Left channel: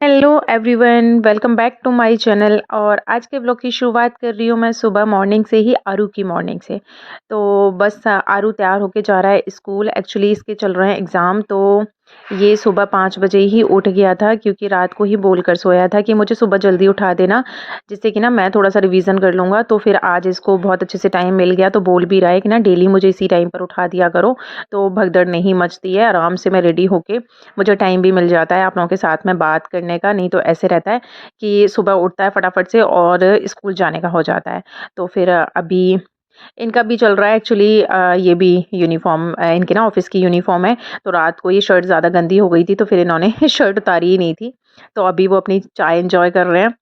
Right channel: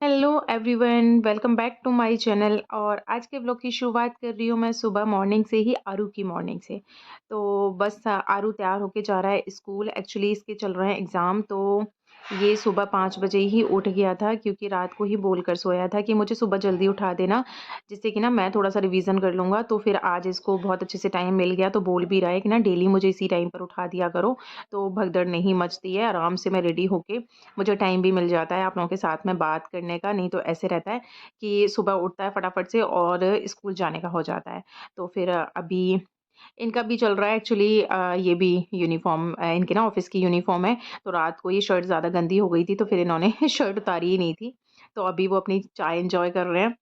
Hello everyone, welcome back to my channel. और आज के ब्लॉग की शुरुआत कर रही हूँ मैं सुबह मॉर्निंग से ही, आरू की मॉर्निंग से। तो बस आरू तैयार होके जा रहा है स्कूल। एक्चुअली इसके चल रहे हैं एग्ज़ाम, तो ये सुबह 5 बजे ही उठ गया था क्योंकि रात को ही बोल कर सोया था कि मुझे सुबह जल्दी उठा देना, जिससे कि ना मैं थोड़ा सा रिवीज़न कर लूँगा। तो फिर आज इसको बहुत अच्छे से टाइम मिल गया, तो बोल भी रहा है कि ना डेली मुझे इसी टाइम पर उठा दिया करो, तो भगदड़ नहीं मचती है। आराम से मैं रेडी होके, मुझे टाइम भी मिल जाता है आप लोगों के साथ में बात करने का। नहीं तो ऐसे रहता है कि सुबह उठता है फटाफट से और स्कूल जाने का हो जाता है। तो फिर अभी इनका भी चल रहा है एक्चुअली। ये भी यूनिफ़ॉर्म, इनके ना ऑफ़िस की यूनिफ़ॉर्म है। तो रात को ये शर्ट ज़्यादा गंदी हो गई थी, तो फिर इन्होंने शर्ट उतारी ही नहीं थी। तो अभी वो अपनी चाय एन्जॉय कर रहे हैं।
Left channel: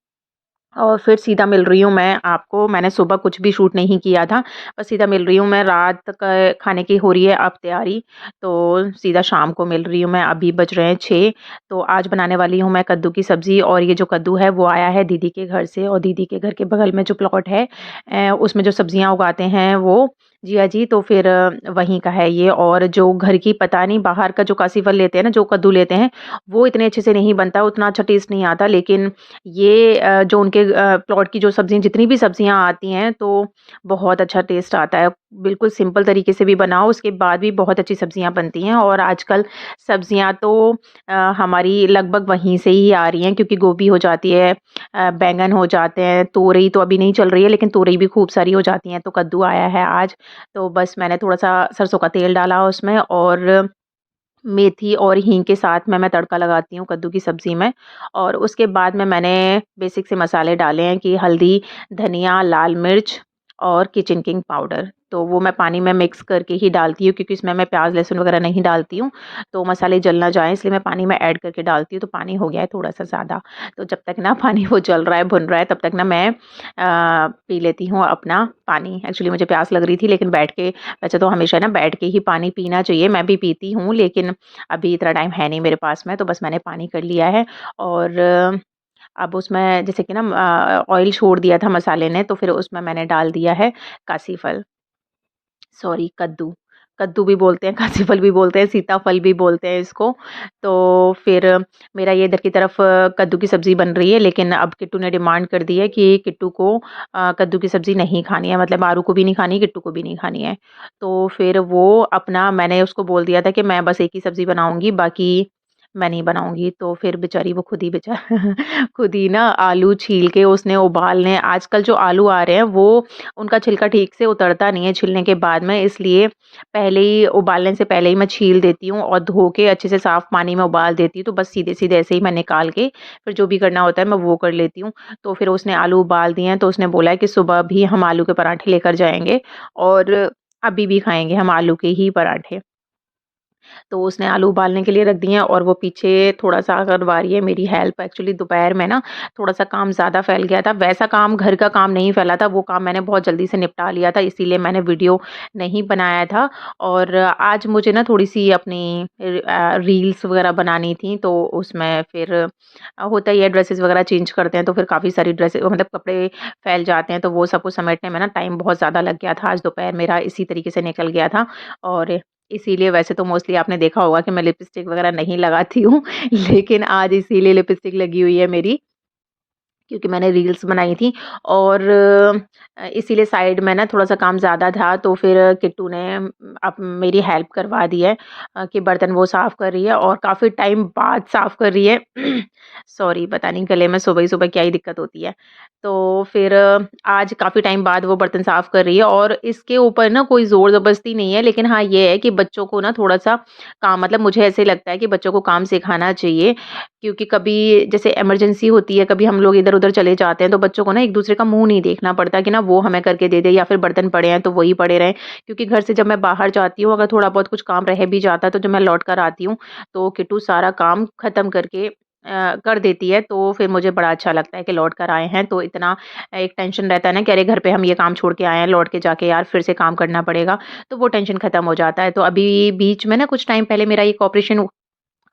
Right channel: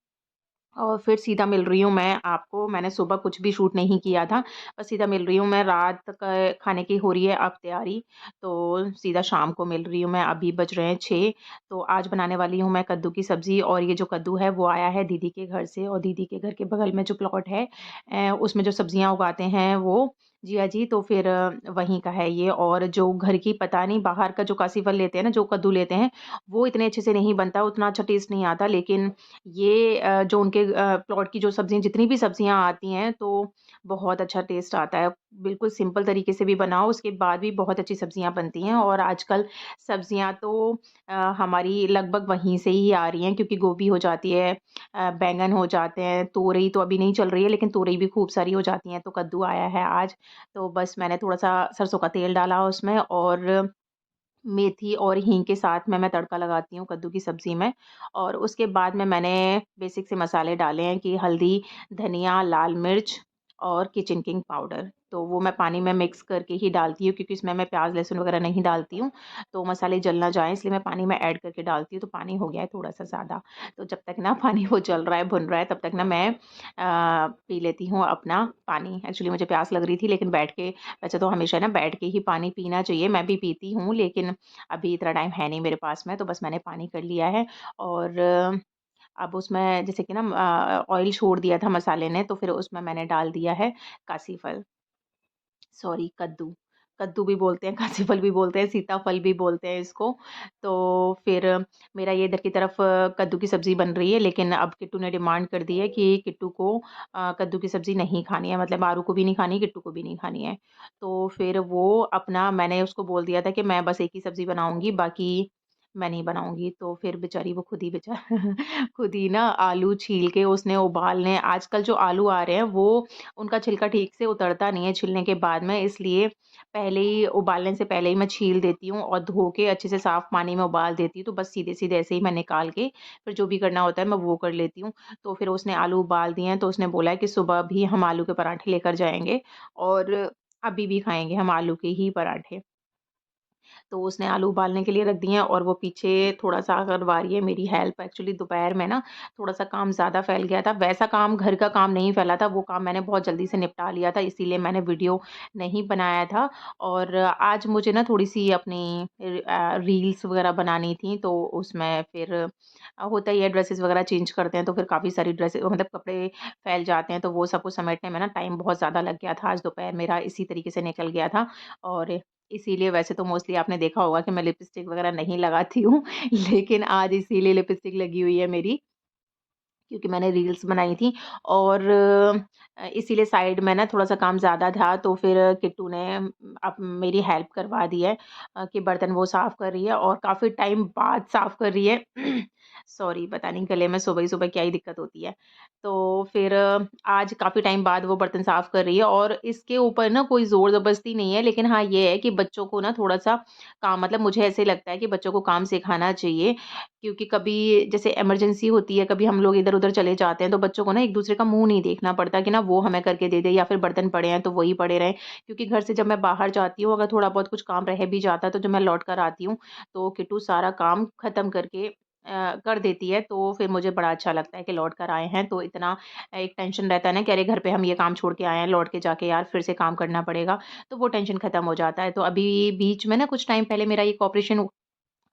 और फिर सीधा मिल रही हूँ मैं आपको। मैंने सुबह कुछ भी शूट नहीं किया था, बस सीधा मिल रही हूँ मैं। रात का खाने की हो रही है अब तैयारी, तो सीधा शाम को मिल रही हूँ मैं। अभी बज रहे हैं 6। तो आज बनाने वाली हूँ मैं कद्दू की सब्ज़ी। और ये जो कद्दू है वो आया है दीदी के घर से, और दीदी के घर के बगल में जो प्लॉट है उसमें जो सब्जियाँ उगाते हैं वो जिया जी, तो फिर वहीं का है ये। और जो घर की पता नहीं, बाहर का जो कासी फल लेते हैं ना, जो कद्दू लेते हैं, वो इतने अच्छे से नहीं बनता, उतना अच्छा टेस्ट नहीं आता। लेकिन ये जो उनके प्लॉट की जो सब्ज़ियाँ, जितनी भी सब्ज़ियाँ आती हैं, तो बहुत अच्छा टेस्ट आता है। बिल्कुल सिंपल तरीके से भी बनाओ, उसके बाद भी बहुत अच्छी सब्ज़ियाँ बनती हैं। और आजकल सब्ज़ियाँ तो हमारी लगभग वहीं से ही आ रही हैं, क्योंकि गोभी हो जाती है, बैंगन हो जाते हैं, तोरई तो अभी नहीं चल रही है, लेकिन तोरई भी खूब सारी हो जाती हैं। तो कद्दू आया है आज, तो बस मैंने थोड़ा-सा सरसों का तेल डाला उसमें, और मेथी और हींग के साथ में मैं तड़का लगाती हूँ कद्दू की सब्ज़ी में। और उसके बाद में मैंने बेसिक से मसाले डाले हैं कि हल्दी, धनिया, लाल मिर्च और किचन किंग पाउडर। तो वो मैं पानी में मिक्स करके ही डालती हूँ, क्योंकि इसमें मैं प्याज़, लहसुन वगैरह नहीं डालती हूँ, तो मसाले जल ना जाएँ, इसलिए मैं पानी में ऐड करके डालती हूँ। तो पानी हो गया है थोड़ा-सा ज़्यादा, तो जब तक ना पानी वो जल रहा है, भुन रहा है, तब तक ना मैं पी लेती हूँ अपना पानी। एक्चुअली मुझे प्यास लग रही थी, लेकिन बैठ के, वैसे तो हमेशा ना बैठ के ही पानी पीना चाहिए, मैं भी पीती हूँ, लेकिन अभी इतना टाइम है नहीं मेरे पास में, तो बस मैंने पानी कर लिया है। और अब उसमें जैसे कि ना ऑयल छोड़ दिया था मसाले ने, तो फिर उसमें मैंने डाल दिया है कासी फल, सॉरी कद्दू। कद्दू भी बोलते हैं, कासी फल भी बोलते हैं, सीताफल भी बोलते हैं इसको। तो फिर मेरा ये इधर की तरफ कद्दू की सब्ज़ी बन रही है, लेकिन अब किट्टू ने डिमांड कर दी है कि किट्टू को कद्दू की सब्ज़ी नहीं खानी है, मतलब आरू को भी नहीं खानी, किट्टू को भी नहीं खानी है। तो फिर वो अपना, मैंने उसको बोल दिया था कि मैं बस एक ही सब्ज़ी बनाऊँगी, बाकी मैं नहीं बनाऊँगी। तो फिर बेचारी वो खुद ही खुद ही ना आलू छील के उसने उबालने, आजकल जो आलू आ रहे हैं वो उनका छिलका ठीक से उतरता नहीं है छिलने के बाद में, इसलिए पहले ही, उबालने से पहले ही मैं छील देती हूँ और धो के अच्छे से साफ़ पानी में उबाल देती हूँ। तो बस सीधे-सीधे ऐसे ही मैं निकाल के फिर जो भी करना होता है मैं वो कर लेती हूँ। तो फिर उसने आलू उबाल दिए हैं, तो उसने बोला है कि सुबह भी हम आलू के पराठे लेकर जाएँगे, और अभी भी खाएँगे हम आलू के ही पराठे। तो उसने आलू उबालने के लिए रख दिए हैं, और वो पीछे थोड़ा-सा करवा रही है मेरी हेल्प। एक्चुअली दोपहर में ना थोड़ा-सा काम ज़्यादा फैल गया था। वैसा काम, घर का काम नहीं फैला था, वो काम मैंने बहुत जल्दी से निपटा लिया था, इसीलिए मैंने वीडियो नहीं बनाया था। और आज मुझे ना थोड़ी-सी अपनी रील्स वगैरह बनानी थी, तो उसमें फिर होता ही है, ड्रेसेस वगैरह चेंज करते हैं, तो फिर काफ़ी सारी ड्रेसें, मतलब कपड़े फैल जाते हैं, तो वो सबको समेटने में ना टाइम बहुत ज़्यादा लग गया था। आज दोपहर मेरा इसी तरीके से निकल गया था। और इसीलिए वैसे तो मोस्टली आपने देखा होगा कि मैं लिपस्टिक वगैरह नहीं लगाती हूँ, लेकिन आज इसीलिए लिपस्टिक लगी हुई है मेरी, क्योंकि मैंने रील्स बनाई थी। और इसीलिए साइड में ना थोड़ा-सा काम ज़्यादा था, तो फिर किट्टू ने अब मेरी हेल्प करवा दी है, कि बर्तन वो साफ़ कर रही है, और काफ़ी टाइम बाद साफ़ कर रही है। सॉरी, पता नहीं गले में सुबह ही सुबह क्या ही दिक्कत होती है। तो फिर आज काफ़ी टाइम बाद वो बर्तन साफ़ कर रही है, और इसके ऊपर ना कोई ज़ोर-ज़बरदस्ती नहीं है, लेकिन हाँ, ये है कि बच्चों को ना थोड़ा-सा काम, मतलब मुझे ऐसे लगता है कि बच्चों को काम सिखाना चाहिए, क्योंकि कभी जैसे इमरजेंसी होती है, कभी हम लोग इधर-उधर चले जाते हैं, तो बच्चों को ना एक-दूसरे का मुँह नहीं देखना पड़ता कि ना वो हमें करके दे दे, या फिर बर्तन पड़े हैं तो वही पड़े रहें। क्योंकि घर से जब मैं बाहर जाती हूँ, अगर थोड़ा बहुत कुछ काम रह भी जाता है, तो जब मैं लौट कर आती हूँ, तो किट्टू सारा काम ख़त्म करके कर देती है। तो फिर मुझे बड़ा अच्छा लगता है कि लौट कर आए हैं, तो इतना एक टेंशन रहता है ना कि अरे घर पे हम ये काम छोड़ के आए हैं, लौट के जाके यार फिर से काम करना पड़ेगा, तो वो टेंशन ख़त्म हो जाता है। तो अभी बीच में ना कुछ टाइम पहले मेरा एक ऑपरेशन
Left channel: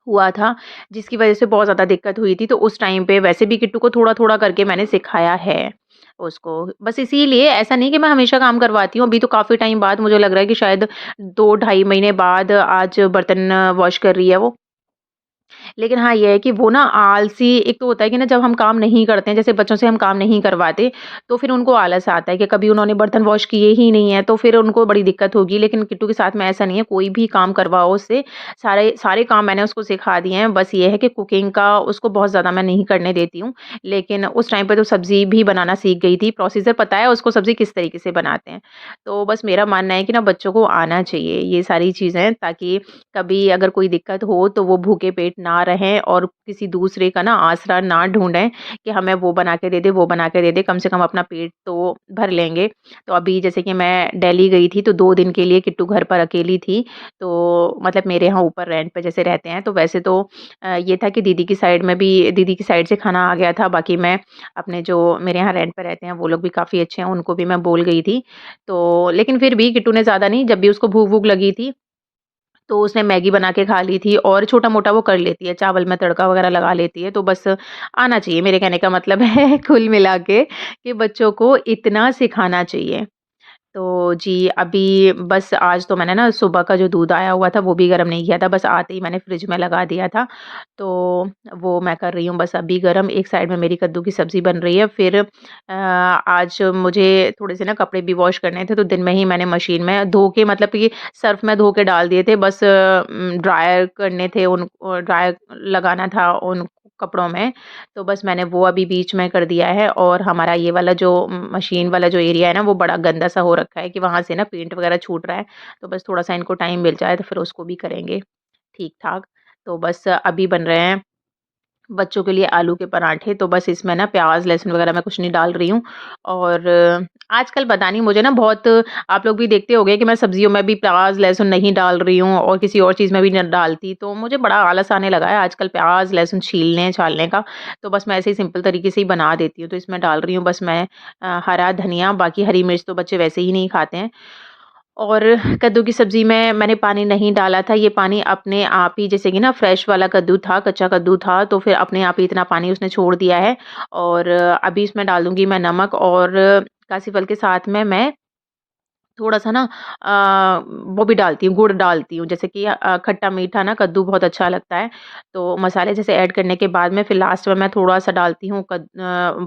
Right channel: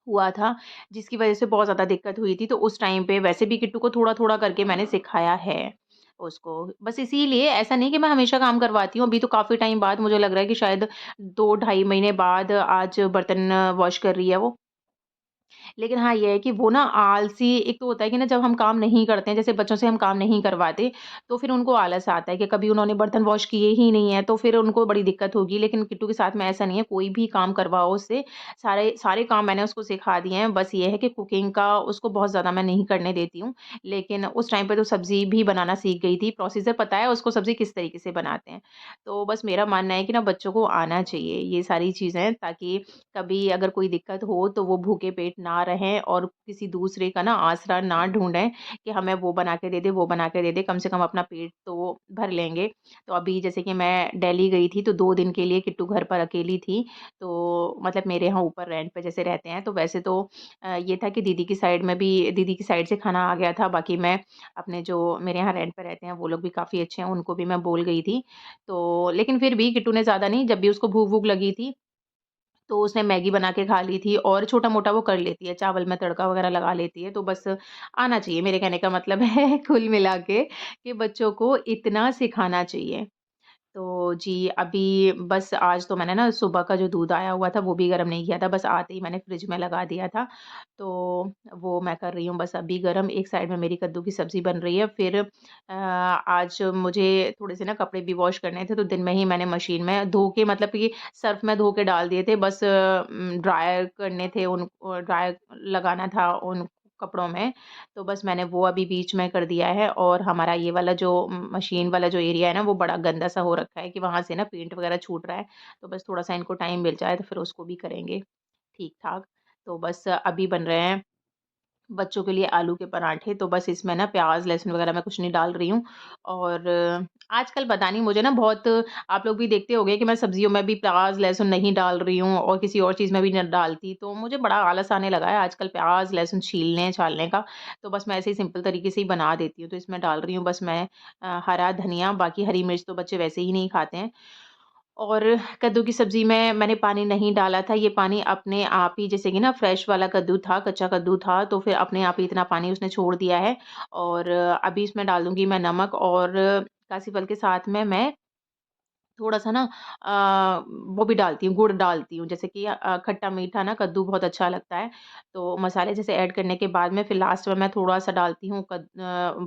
हुआ था, जिसकी वज़ह से बहुत ज़्यादा दिक्कत हुई थी, तो उस टाइम पे वैसे भी किट्टू को थोड़ा-थोड़ा करके मैंने सिखाया है उसको। बस इसीलिए, ऐसा नहीं कि मैं हमेशा काम करवाती हूँ, अभी तो काफ़ी टाइम बाद मुझे लग रहा है कि शायद 2 ढाई महीने बाद आज बर्तन वॉश कर रही है वो। लेकिन हाँ, ये है कि वो ना आलसी एक तो होता है कि ना जब हम काम नहीं करते हैं, जैसे बच्चों से हम काम नहीं करवाते, तो फिर उनको आलस आता है कि कभी उन्होंने बर्तन वॉश किए ही नहीं है, तो फिर उनको बड़ी दिक्कत होगी। लेकिन किट्टू के साथ में ऐसा नहीं है, कोई भी काम करवाओ उससे, सारे सारे काम मैंने उसको सिखा दिए हैं। बस ये है कि कुकिंग का उसको बहुत ज़्यादा मैं नहीं करने देती हूँ। लेकिन उस टाइम पे तो सब्ज़ी भी बनाना सीख गई थी, प्रोसीजर पता है उसको सब्ज़ी किस तरीके से बनाते हैं। तो बस मेरा मानना है कि ना बच्चों को आना चाहिए ये सारी चीज़ें, ताकि कभी अगर कोई दिक्कत हो तो वो भूखे पेट ना रहें और किसी दूसरे का ना आसरा ना ढूँढें कि हमें वो बना के दे दे, वो बना के दे दे, कम से कम अपना पेट तो भर लेंगे। तो अभी जैसे कि मैं दिल्ली गई थी तो 2 दिन के लिए किट्टू घर पर अकेली थी, तो मतलब मेरे यहाँ ऊपर रेंट पे जैसे रहते हैं, तो वैसे तो ये था कि दीदी की साइड से खाना आ गया था, बाकी मैं अपने जो मेरे यहाँ रेंट पे रहते हैं वो लोग भी काफ़ी अच्छे हैं, उनको भी मैं बोल गई थी। तो लेकिन फिर भी किट्टू ने ज़्यादा नहीं, जब भी उसको भूख-वूख लगी थी तो उसने मैगी बना के खा ली थी और छोटा-मोटा वो कर लेती है, चावल में तड़का वगैरह लगा लेती है, तो बस आना चाहिए। मेरे कहने का मतलब है कुल मिला के कि बच्चों को इतना सिखाना चाहिए। तो जी, अभी बस आज तो मैंने ना सुबह का जो दूध आया हुआ था वो भी गरम नहीं किया था, बस आते ही मैंने फ्रिज में लगा दिया था। तो वो मैं कर रही हूँ बस अभी गरम, एक साइड में मेरी कद्दू की सब्ज़ी बन रही है। फिर आज मुझे थोड़े से ना कपड़े भी वॉश करने थे, तो दिन में ही मैंने मशीन में धो के मतलब कि सर्फ़ में धो के डाल दिए थे, बस ड्रायर करने थे ड्रायर लगाना था उन कपड़ों में, तो बस मैंने वो अभी बीच में कर दिया है। और हमारा ये वाला जो मशीन वाला जो एरिया है ना, वो बड़ा गंदा-सा हो रखा है कि वहाँ से ना पेंट वगैरह छूट रहा है। तो बस थोड़ा-सा इनको टाइम मिल जाए तो फिर उसको भी करेंगे ठीक-ठाक। तो बस अभी बन रहे हैं बच्चों के लिए आलू के पराठे, तो बस इसमें ना प्याज़, लहसुन वगैरह मैं कुछ नहीं डाल रही हूँ। और आजकल पता नहीं मुझे ना बहुत, आप लोग भी देखते होंगे कि मैं सब्जियों में भी प्याज़, लहसुन नहीं डाल रही हूँ और किसी और चीज़ में भी नहीं डालती, तो मुझे बड़ा आलस आने लगा है आजकल प्याज़, लहसुन छीलने-छालने का। तो बस मैं ऐसे ही सिंपल तरीके से ही बना देती हूँ, तो इसमें डाल रही हूँ बस मैं हरा धनिया, बाकी हरी मिर्च तो बच्चे वैसे ही नहीं खाते हैं। और कद्दू की सब्ज़ी में मैंने पानी नहीं डाला था, ये पानी अपने आप ही, जैसे कि ना फ्रेश वाला कद्दू था, कच्चा कद्दू था, तो फिर अपने आप ही इतना पानी उसने छोड़ दिया है। और अभी इसमें डालूँगी मैं नमक और कासी फल के साथ में मैं थोड़ा-सा ना वो भी डालती हूँ, गुड़ डालती हूँ, जैसे कि खट्टा-मीठा ना कद्दू बहुत अच्छा लगता है। तो मसाले जैसे ऐड करने के बाद में फिर लास्ट में मैं थोड़ा-सा डालती हूँ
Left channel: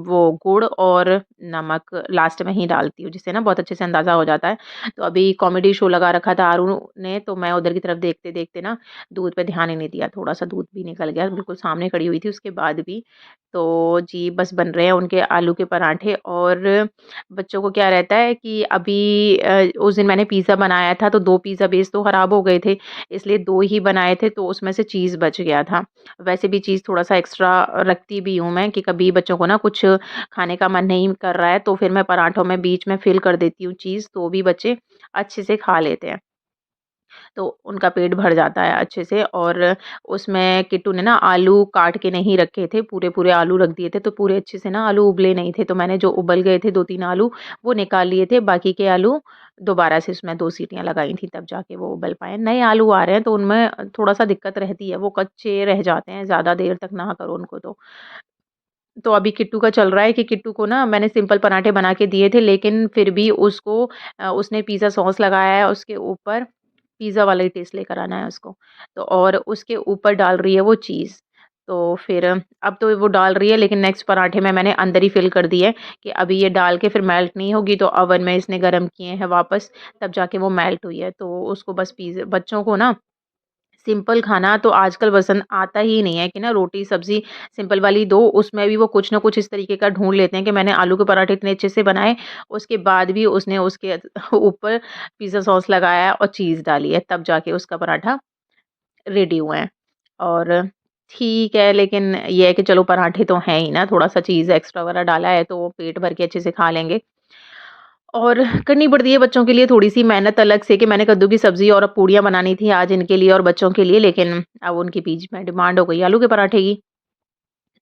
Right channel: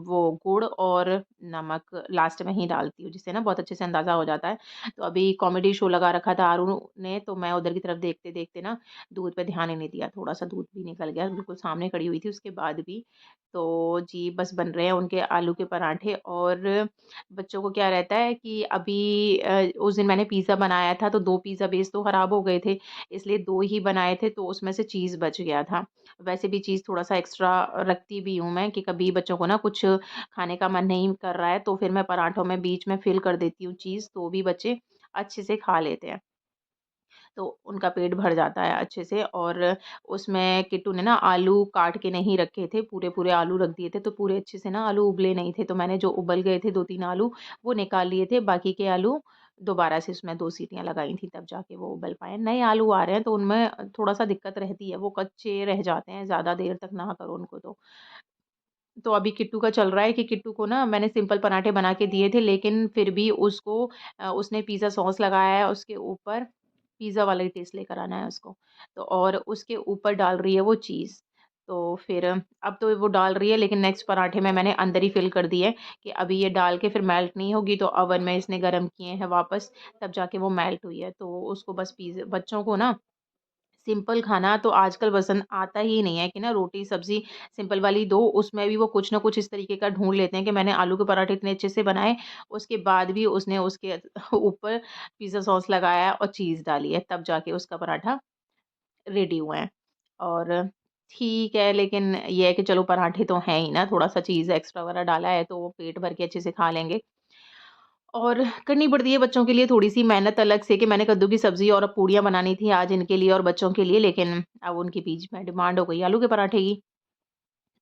वो गुड़ और नमक लास्ट में ही डालती हूँ, जिससे ना बहुत अच्छे से अंदाज़ा हो जाता है। तो अभी कॉमेडी शो लगा रखा था आरू ने, तो मैं उधर की तरफ देखते-देखते ना दूध पे ध्यान ही नहीं दिया, थोड़ा-सा दूध भी निकल गया, बिल्कुल सामने खड़ी हुई थी उसके बाद भी। तो जी, बस बन रहे हैं उनके आलू के पराठे। और बच्चों को क्या रहता है कि अभी उस दिन मैंने पिज़्ज़ा बनाया था तो 2 पिज़्ज़ा बेस तो खराब हो गए थे, इसलिए 2 ही बनाए थे तो उसमें से चीज़ बच गया था। वैसे भी चीज़ थोड़ा-सा एक्स्ट्रा रखती भी हूँ मैं कि कभी बच्चों को ना कुछ खाने का मन नहीं कर रहा है तो फिर मैं पराठों में बीच में फ़िल कर देती हूँ चीज़, तो भी बच्चे अच्छे से खा लेते हैं। तो उनका पेट भर जाता है अच्छे से। और उसमें किट्टू ने ना आलू काट के नहीं रखे थे, पूरे-पूरे आलू रख दिए थे, तो पूरे अच्छे से ना आलू उबले नहीं थे, तो मैंने जो उबल गए थे 2-3 आलू, वो निकाल लिए थे, बाकी के आलू दोबारा से उसमें 2 सीटियाँ लगाई थी, तब जाके वो उबल पाए। नए आलू आ रहे हैं, तो उनमें थोड़ा-सा दिक्कत रहती है, वो कच्चे रह जाते हैं, ज़्यादा देर तक ना करो उनको तो। तो अभी किट्टू का चल रहा है कि किट्टू को ना मैंने सिंपल पराठे बना के दिए थे, लेकिन फिर भी उसको उसने पिज़्ज़ा सॉस लगाया है उसके ऊपर, पिज़्ज़ा वाला ही टेस्ट लेकर आना है उसको। तो और उसके ऊपर डाल रही है वो चीज़। तो फिर अब तो वो डाल रही है, लेकिन नेक्स्ट पराठे में मैंने अंदर ही फ़िल कर दी है कि अभी ये डाल के फिर मेल्ट नहीं होगी, तो ओवन में इसने गरम किए हैं वापस, तब जाके वो मेल्ट हुई है। तो उसको बस बच्चों को ना सिंपल खाना तो आजकल पसंद आता ही नहीं है कि ना रोटी सब्ज़ी सिंपल वाली दो, उसमें भी वो कुछ ना कुछ इस तरीके का ढूँढ लेते हैं कि मैंने आलू के पराठे इतने अच्छे से बनाए, उसके बाद भी उसने उसके ऊपर पिज़्ज़ा सॉस लगाया और चीज़ डाली है, तब जाके उसका पराठा रेडी हुए हैं। और ठीक है, लेकिन ये है कि चलो पराठे तो हैं ही ना, थोड़ा-सा चीज़ एक्स्ट्रा वगैरह डाला है, तो वो पेट भर के अच्छे से खा लेंगे। और करनी पड़ती है बच्चों के लिए थोड़ी-सी मेहनत अलग से कि मैंने कद्दू की सब्ज़ी और पूड़ियाँ बनानी थी आज इनके लिए और बच्चों के लिए, लेकिन अब उनके बीच में डिमांड हो गई आलू के पराठे की,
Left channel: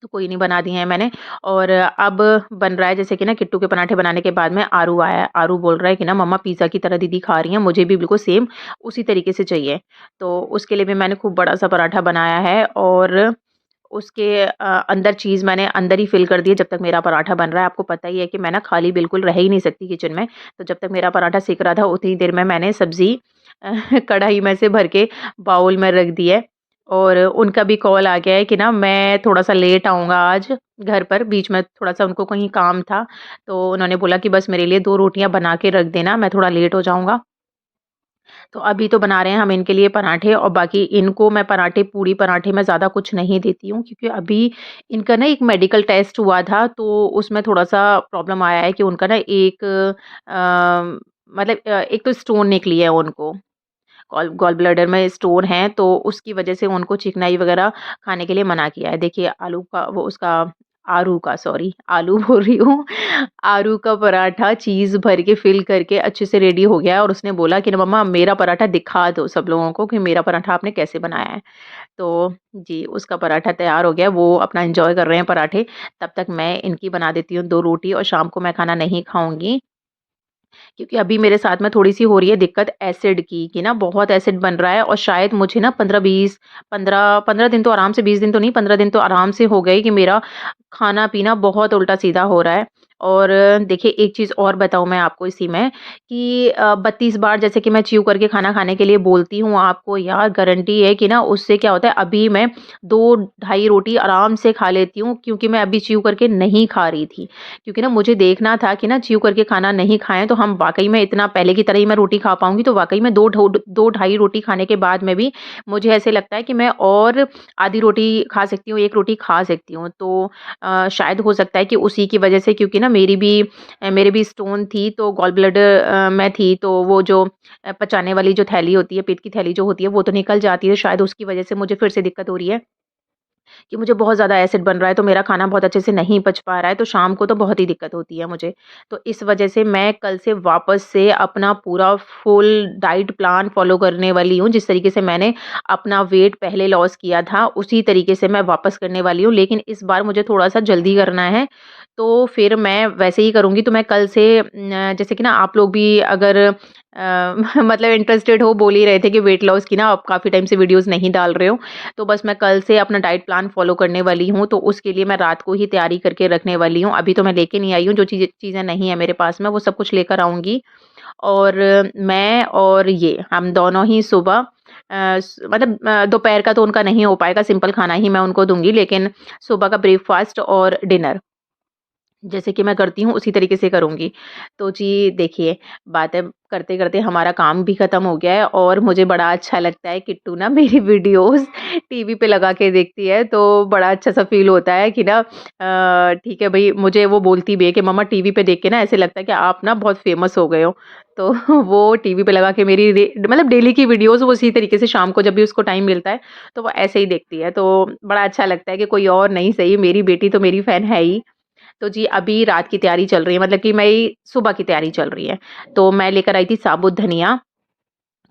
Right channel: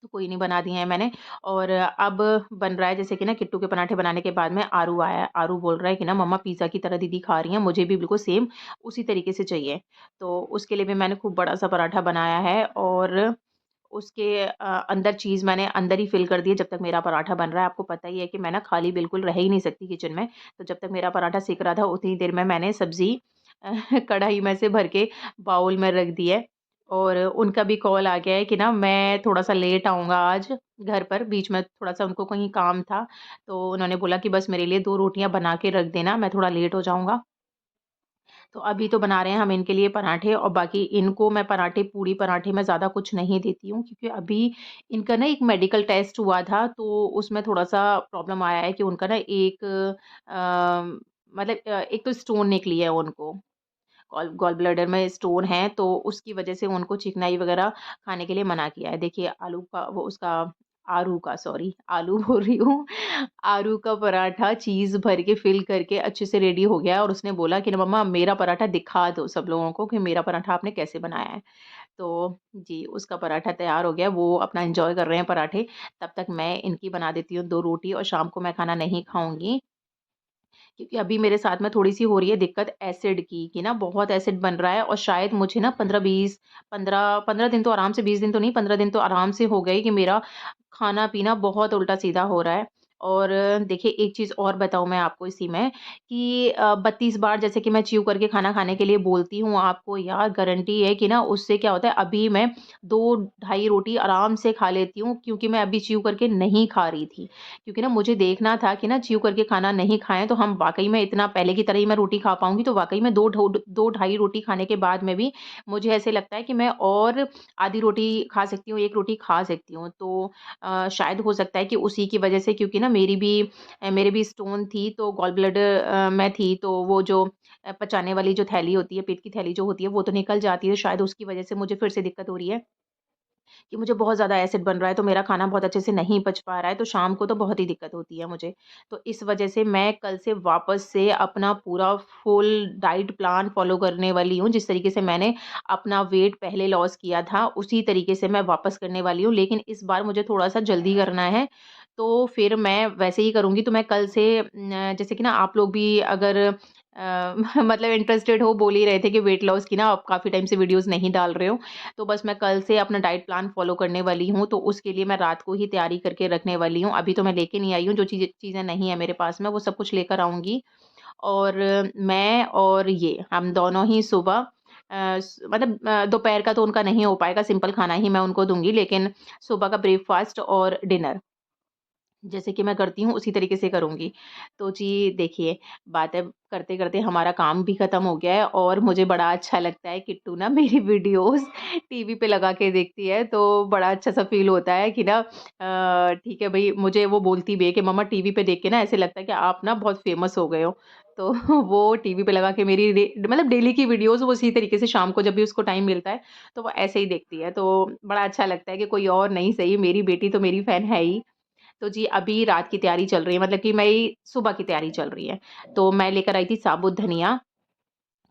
तो कोई नहीं बना दिए हैं मैंने। और अब बन रहा है जैसे कि ना किट्टू के पराठे बनाने के बाद में आरू आया है। आरू बोल रहा है कि ना मम्मा पिज़्ज़ा की तरह दीदी खा रही हैं, मुझे भी बिल्कुल सेम उसी तरीके से चाहिए। तो उसके लिए भी मैंने खूब बड़ा-सा पराठा बनाया है और उसके अंदर चीज़ मैंने अंदर ही फ़िल कर दी है जब तक मेरा पराठा बन रहा है। आपको पता ही है कि मैं ना खाली बिल्कुल रह ही नहीं सकती किचन में। तो जब तक मेरा पराठा सिक रहा था उतनी देर में मैंने सब्ज़ी कढ़ाई में से भर के बाउल में रख दी है। और उनका भी कॉल आ गया है कि ना मैं थोड़ा-सा लेट आऊँगा आज घर पर, बीच में थोड़ा-सा उनको कहीं काम था, तो उन्होंने बोला कि बस मेरे लिए 2 रोटियाँ बना के रख देना, मैं थोड़ा लेट हो जाऊँगा। तो अभी तो बना रहे हैं हम इनके लिए पराठे और बाकी इनको मैं पराठे पूड़ी पराठे में ज़्यादा कुछ नहीं देती हूँ क्योंकि अभी इनका ना एक मेडिकल टेस्ट हुआ था, तो उसमें थोड़ा-सा प्रॉब्लम आया है कि उनका ना एक मतलब एक तो स्टोन निकली है उनको। गॉल गॉल ब्लैडर में स्टोन है, तो उसकी वजह से उनको चिकनाई वगैरह खाने के लिए मना किया है। देखिए आलू का वो उसका आरू का सॉरी आलू बोल रही हूँ, आरू का पराठा चीज़ भर के फ़िल करके अच्छे से रेडी हो गया है और उसने बोला कि ना मम्मा मेरा पराठा दिखा दो सब लोगों को कि मेरा पराठा आपने कैसे बनाया है। तो जी, उसका पराठा तैयार हो गया है, वो अपना एन्जॉय कर रहे हैं पराठे। तब तक मैं इनकी बना देती हूँ 2 रोटी और शाम को मैं खाना नहीं खाऊँगी। क्योंकि अभी मेरे साथ में थोड़ी-सी हो रही है दिक्कत एसिड की, कि ना बहुत एसिड बन रहा है और शायद मुझे ना 15-20 15 दिन तो आराम से 20 दिन तो नहीं 15 दिन तो आराम से हो गए कि मेरा खाना-पीना बहुत उल्टा-सीधा हो रहा है। और देखिए एक चीज़ और बताऊँ मैं आपको इसी में कि 32 बार जैसे कि मैं च्यू करके खाना खाने के लिए बोलती हूँ आपको यार गारंटी है कि ना उससे क्या होता है अभी मैं 2 ढाई रोटी आराम से खा लेती हूँ क्योंकि मैं अभी च्यू करके नहीं खा रही थी। क्योंकि ना मुझे देखना था कि ना च्यू करके खाना नहीं खाएँ तो हम वाक़ई में इतना पहले की तरह ही मैं रोटी खा पाऊँगी, तो वाक़ई में 2 ढाई रोटी खाने के बाद में भी मुझे ऐसे लगता है कि मैं और आधी रोटी खा सकती हूँ, 1 रोटी खा सकती हूँ। तो शायद हो सकता है कि उसी की वज़ह से क्योंकि ना मेरे भी स्टोन थी तो गॉल ब्लैडर में थी तो वो जो पचाने वाली जो थैली होती है, पेट की थैली जो होती है वो तो निकल जाती है, शायद उसकी वज़ह से मुझे फिर से दिक्कत हो रही है। कि मुझे बहुत ज़्यादा एसिड बन रहा है, तो मेरा खाना बहुत अच्छे से नहीं पच पा रहा है, तो शाम को तो बहुत ही दिक्कत होती है मुझे। तो इस वजह से मैं कल से वापस से अपना पूरा फुल डाइट प्लान फ़ॉलो करने वाली हूँ, जिस तरीके से मैंने अपना वेट पहले लॉस किया था, उसी तरीके से मैं वापस करने वाली हूँ। लेकिन इस बार मुझे थोड़ा-सा जल्दी करना है, तो फिर मैं वैसे ही करूँगी। तो मैं कल से जैसे कि ना आप लोग भी अगर मतलब इंटरेस्टेड हो, बोल ही रहे थे कि वेट लॉस की ना आप काफ़ी टाइम से वीडियोज़ नहीं डाल रहे हो। तो बस मैं कल से अपना डाइट प्लान फ़ॉलो करने वाली हूँ, तो उसके लिए मैं रात को ही तैयारी करके रखने वाली हूँ। अभी तो मैं लेके नहीं आई हूँ, जो चीज़ें नहीं है मेरे पास में, वो सब कुछ लेकर आऊँगी। और मैं और ये हम दोनों ही सुबह मतलब दोपहर का तो उनका नहीं हो पाएगा, सिंपल खाना ही मैं उनको दूँगी, लेकिन सुबह का ब्रेकफ़ास्ट और डिनर जैसे कि मैं करती हूँ उसी तरीके से करूँगी। तो जी देखिए, बातें करते-करते हमारा काम भी ख़त्म हो गया है और मुझे बड़ा अच्छा लगता है किट्टू ना मेरी वीडियोज़ टीवी पे लगा के देखती है, तो बड़ा अच्छा-सा फ़ील होता है कि ना ठीक है भई मुझे वो बोलती भी है कि मम्मा टीवी पे देख के ना ऐसे लगता है कि आप ना बहुत फ़ेमस हो गए हो। तो वो टीवी पे लगा के मेरी मतलब डेली की वीडियोज़ वो उसी तरीके से शाम को जब भी उसको टाइम मिलता है, तो वो ऐसे ही देखती है। तो बड़ा अच्छा लगता है कि कोई और नहीं सही, मेरी बेटी तो मेरी फ़ैन है ही। तो जी, अभी रात की तैयारी चल रही है मतलब कि मेरी सुबह की तैयारी चल रही है। तो मैं लेकर आई थी साबुत धनिया,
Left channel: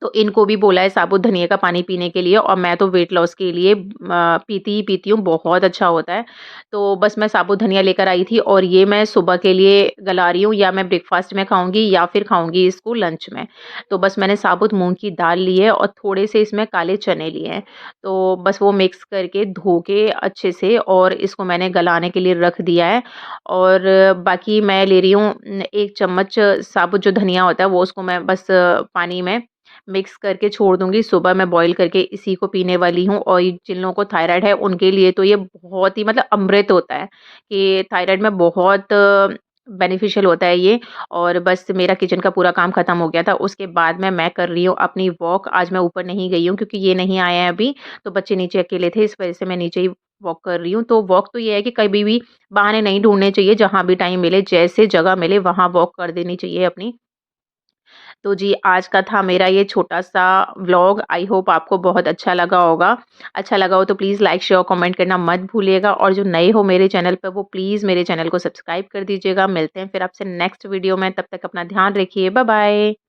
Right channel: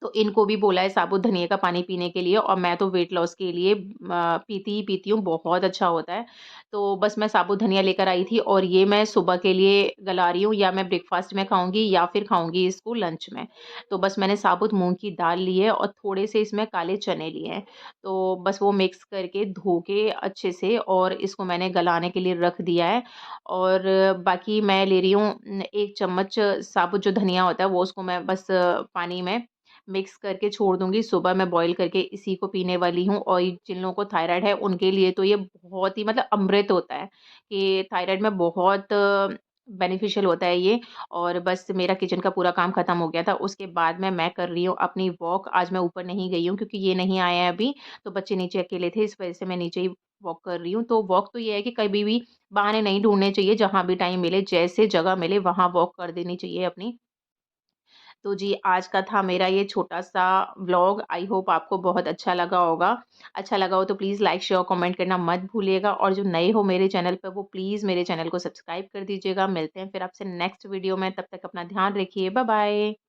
तो इनको भी बोला है साबुत धनिया का पानी पीने के लिए और मैं तो वेट लॉस के लिए पीती ही पीती हूँ, बहुत अच्छा होता है। तो बस मैं साबुत धनिया लेकर आई थी और ये मैं सुबह के लिए गला रही हूँ या मैं ब्रेकफ़ास्ट में खाऊँगी या फिर खाऊँगी इसको लंच में। तो बस मैंने साबुत मूँग की दाल ली है और थोड़े से इसमें काले चने लिए हैं। तो बस वो मिक्स करके धो के अच्छे से और इसको मैंने गलाने के लिए रख दिया है और बाकी मैं ले रही हूँ 1 चम्मच साबुत जो धनिया होता है वो उसको मैं बस पानी में मिक्स करके छोड़ दूँगी, सुबह मैं बॉयल करके इसी को पीने वाली हूँ और ये जिन लोगों को थायराइड है उनके लिए तो ये बहुत ही मतलब अमृत होता है, कि थायराइड में बहुत बेनिफिशियल होता है ये और बस मेरा किचन का पूरा काम खत्म हो गया था। उसके बाद में मैं कर रही हूँ अपनी वॉक, आज मैं ऊपर नहीं गई हूँ क्योंकि ये नहीं आए हैं अभी, तो बच्चे नीचे अकेले थे इस वज़ह से मैं नीचे ही वॉक कर रही हूँ। तो वॉक तो ये है कि कभी भी बहाने नहीं ढूँढने चाहिए, जहाँ भी टाइम मिले, जैसे जगह मिले वहाँ वॉक कर देनी चाहिए अपनी। तो जी, आज का था मेरा ये छोटा-सा व्लॉग। आई होप आपको बहुत अच्छा लगा होगा। अच्छा लगा हो तो प्लीज़ लाइक, शेयर, कमेंट करना मत भूलिएगा और जो नए हो मेरे चैनल पे वो प्लीज़ मेरे चैनल को सब्सक्राइब कर दीजिएगा। मिलते हैं फिर आपसे नेक्स्ट वीडियो में, तब तक अपना ध्यान रखिए। Bye bye.